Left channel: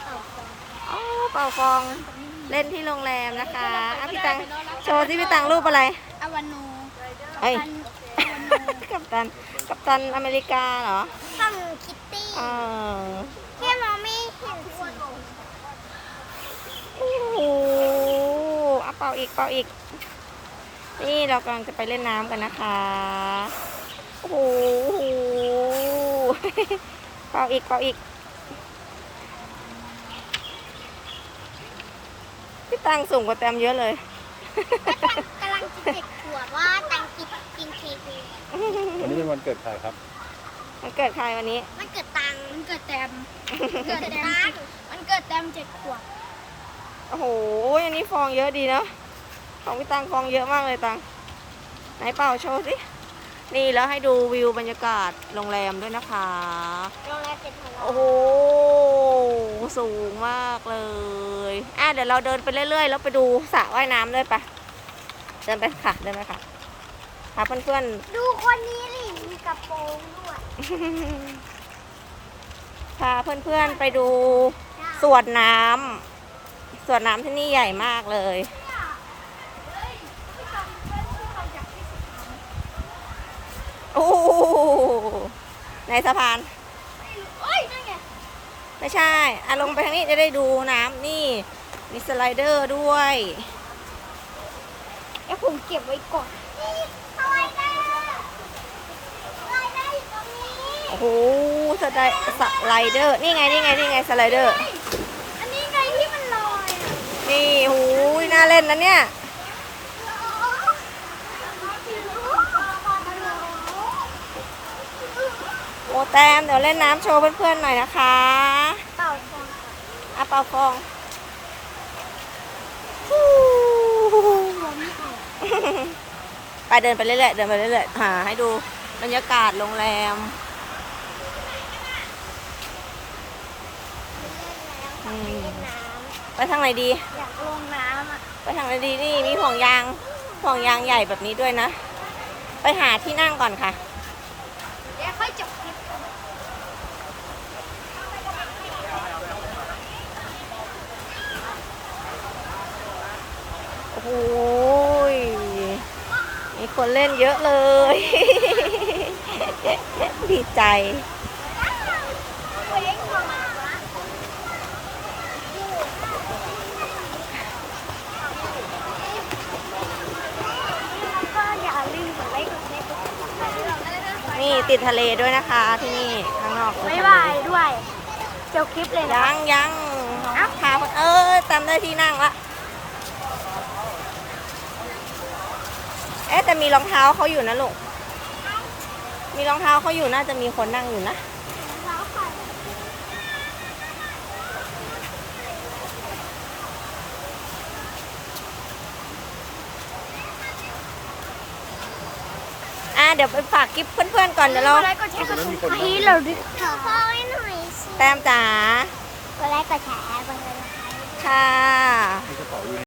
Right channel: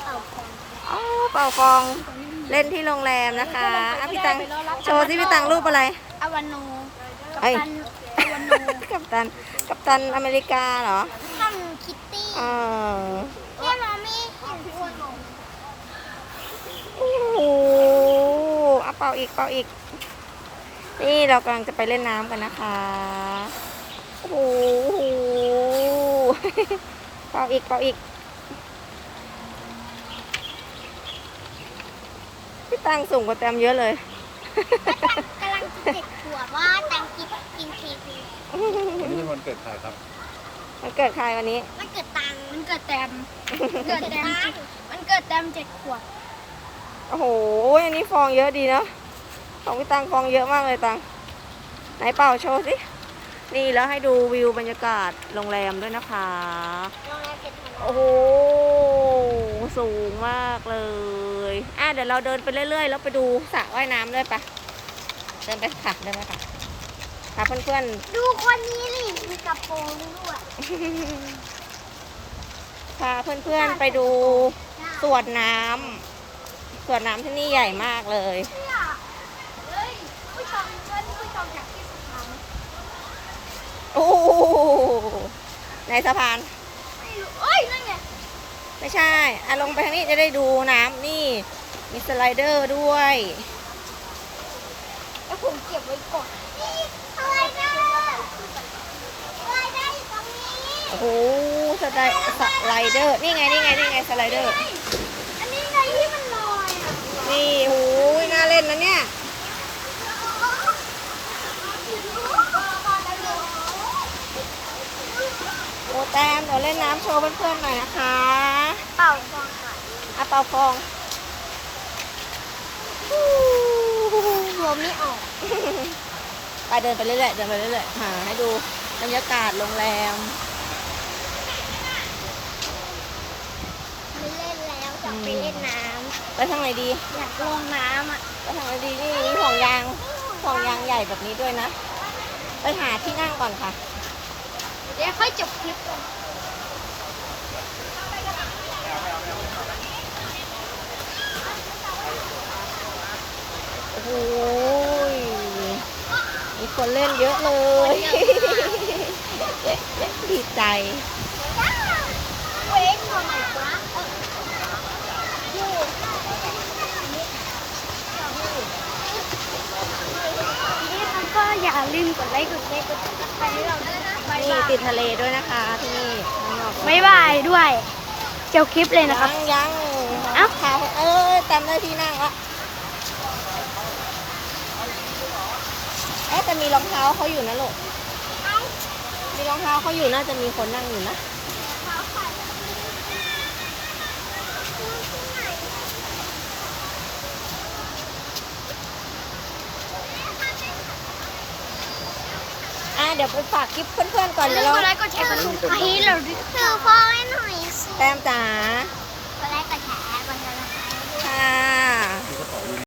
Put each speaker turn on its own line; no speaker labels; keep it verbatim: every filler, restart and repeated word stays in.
ป่าฟอง
อ๋อเป่าฟองเล่นที่โรงแรมนะคะอ่ะพี่ตังโชว์ที่พี่ตังรูปอะไร
อวานโนกัป
เอ้ย
ตันอวานโน
กัปตันกัปตันอเมริกาเหรอ
ข้างคิตตี้
เออ
แค่เราไม่เห็นตัวไหน
โอ้โหเอาเป่าอีกเป่าอีกนี่เรากำลังจะไปเล่นน้ำกันนะคะโอ้โหเป่าอีกเป่าอีกพี่ตังสูงกว่าแตมเยอะเลย
กำลังกินเด็กขวดว่าตังกินกินเค้กเลย
วันนี้วันเกิดใครครับ
มันเกิดใครวันนี้
มันเกิดตังมันเกิดแตมเกิดแตมมันเกิดแตมเจ็ดขวด
โอ้โหอันนี้ฟองเยอะดีเนาะของพี่ตังฟองเยอะมากเลยตังไหนเป่าโชว์สินี่แล้วให้ดูวิวบรรยากาศโรงแรมด้วยนะคะโอ้โหสูงมากเลยอ่ะเดี๋ยวเราเดินไปเรื่อยๆแล้วไปดูสระว่ายน้ำด้วยปะเดินไปค่ะเดินไปค่ะพาเพื่อน
ๆดูคนนี้นี่มีกระโปรงด้วย
พาเพื่อนๆไปดูสวนน้ำสวนน้ำที่นี่ใหญ่มากเลย
ผู้ชมเพื่อนผู้ชมจากที่สะพานไหม
โอ้ในสะพาน
ไม่รู้เอ้ยนั่นไง
ไม่ใช่อ่ะลงไปทางนี้จะได้ดูน้ำนี่มีสไลเดอร์ด้วย
ไอ้ผมเก็บไว้ก่อนนี่สไลเดอร์สไลเดอร์อยู่ตรงนี้
โอ้โหสไลสไลเดอร์นี่ไงนี่ไงนี่ไงสไลเดอร์
อันนี้ไงที่มันลอยอ่ะ
นี่หูยน่าเล่นนะเนี่ยโมแตมเดี๋ยวเล่นน้ำโชว์เพื่อนๆหน่อยนะคะ
เป่าฟองก่อน
อ่ะเป่าฟอง
หัวไม่ออก
ไปเดินไปเรื่อยๆเดินไปเรื่อยๆหาให้ดูบรรยากาศโรงแรม
ไม่เล่นแล้วจะไปเล่นน้ำ
ไปทางไหนดี
อยากลงน้ำอ่ะ
ไปทางไหนดีนี่มีห่วงยางห่วงยางใหญ่แบบนี้ด้วยนะไปหาที่นั่งก่อนค่ะ
เดี๋ยวค่อยจบคลิป
โอ้โหมีคนเล่นเยอะเลย ดีใจ
ก็อยากเล่นกดไลค์กดแชร์กดติดตามให้เราด้วยนะ
นี่ติดทะเลด้วยนะคะที่นี่ข้างนอก
บ๊ายบายด้วยเจ้าคลิปเลยนะ
ยังยังพาเออตามได้ที่นั่งละเอ๊ะแต่มีรองเท้าเขาอยู่นะลูกมีรองเท้าเขาอยู่น่าจะมีคนนั่งอยู่นะอ่ะเดี๋ยวไปฝากคลิปเพื่อนๆก่อนเดี๋ยวเรา
กดไลค์กดแชร์กดติดตามให้เราด้วยคือพ่อให้หน่อยสิ
แต้มจ๋า
กดไลค์กดแชร์กดติดตาม
ค่ะ